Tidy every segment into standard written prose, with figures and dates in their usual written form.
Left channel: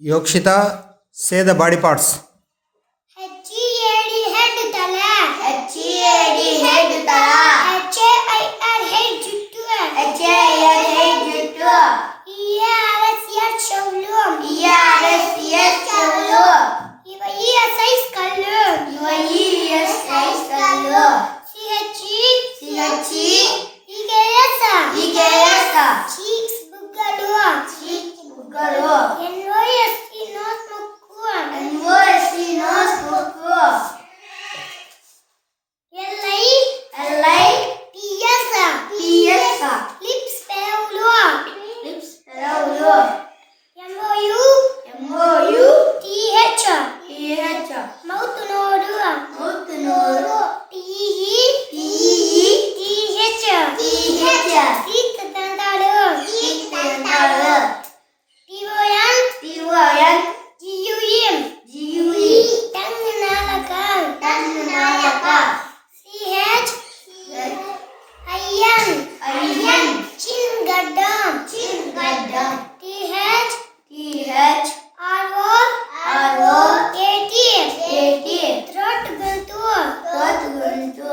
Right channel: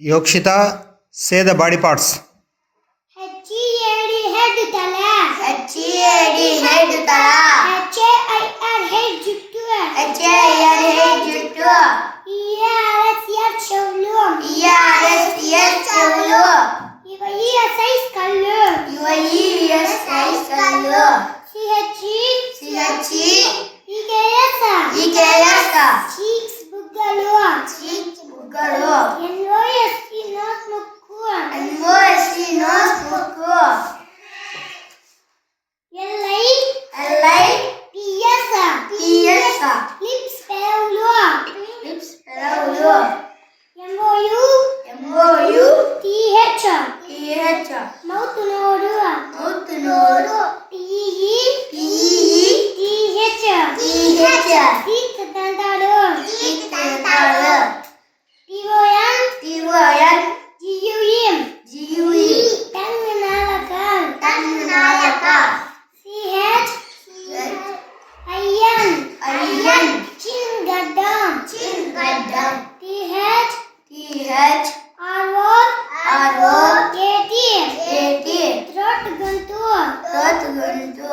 Yokshita, say the body parts. H-E-A-D head tala. H-E-A-D head tala. H-A-I-R head juttu. H-A-I-R head juttu. E-R-S ear చెవులు. E-R-S ear చెవులు. E-S-I కళ్ళు. E-S-I కళ్ళు. C-H-E C-H-E E-K-S cheeks బుగ్గలు. బుగ్గలు. N-O-S-E nose ముక్కు. N-O-S-E nose ముక్కు. L-I L-I-P-S lips పెదవులు. lips పెదవులు. M-O-U-T-H M-O-U-T-H మౌత్ నోరు. mouth నోరు. T-E-T-H T-H teeth దంతాలు. teeth దంతాలు. T-O-N T-O-N G-U-E G-U-E tongue నాలక. Tongue నాలక. C-H I-N I-N చిన్ గడ్డం. chin గడ్డం. T-H T-H R-O-A-T A-T throat గొంతు. throat గొంతు.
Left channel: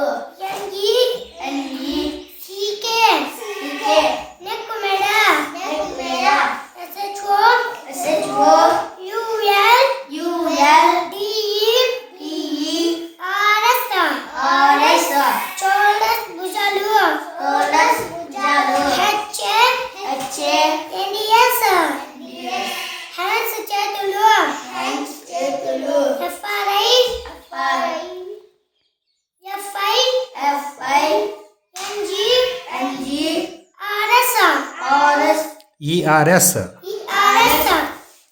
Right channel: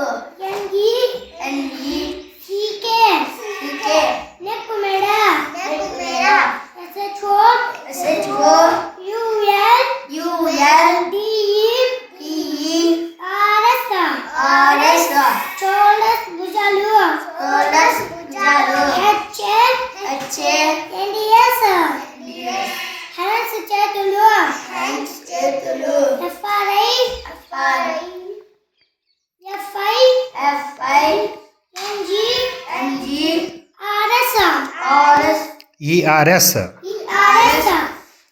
N-E-C-K N-E-C-K నెక్ మెడ. neck మీద. S-H-O S-H-O-U-L D-E-R-S R-S shoulders భుజాలు. shoulders భుజాలు. H-A-N-D-S H-A-N-D-S హ్యాండ్స్ చేతులు. hands చేతులు. F-R-I F-I-N-G-R-S R-S ERS. E-R-S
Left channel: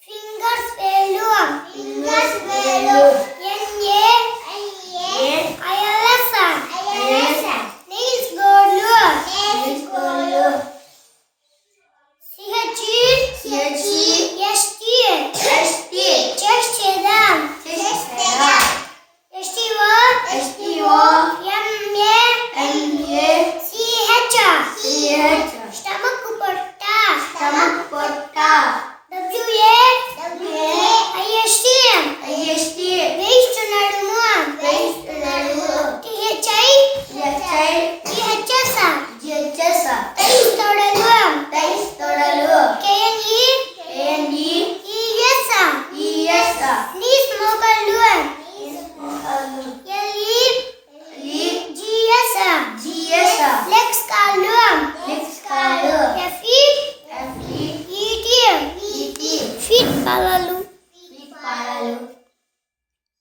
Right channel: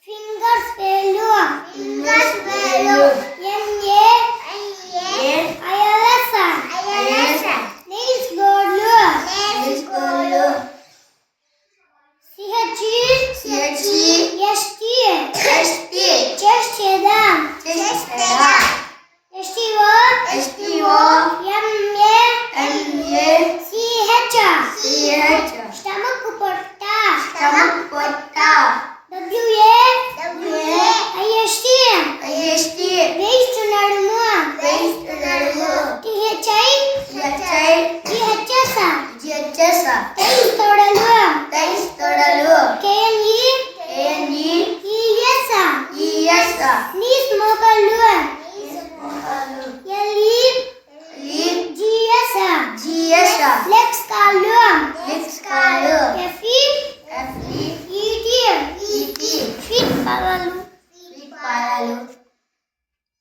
fingers వేళ్ళు. fingers వేలు. N-A-I-L-S I-L-S నెయిల్స్ గోర్లు. nails గోళ్ళు. C-H-E-S-T C-H-E-S-T చెస్ట్ చేద్దాం. chest మీద. S-T-O S-T-O M-A-C-H M-A-C-H stomach పొట్ట. stomach పొట్ట. W-A-I-S-T I-S-T వేస్ట్ నడుము. waist నడుము. T-H-I T-H-I T-H-S G-H-S టైస్ తొడలు. thighs తొడలు. K-N-E A-N-E E-S E-S knees మోకాళ్ళు.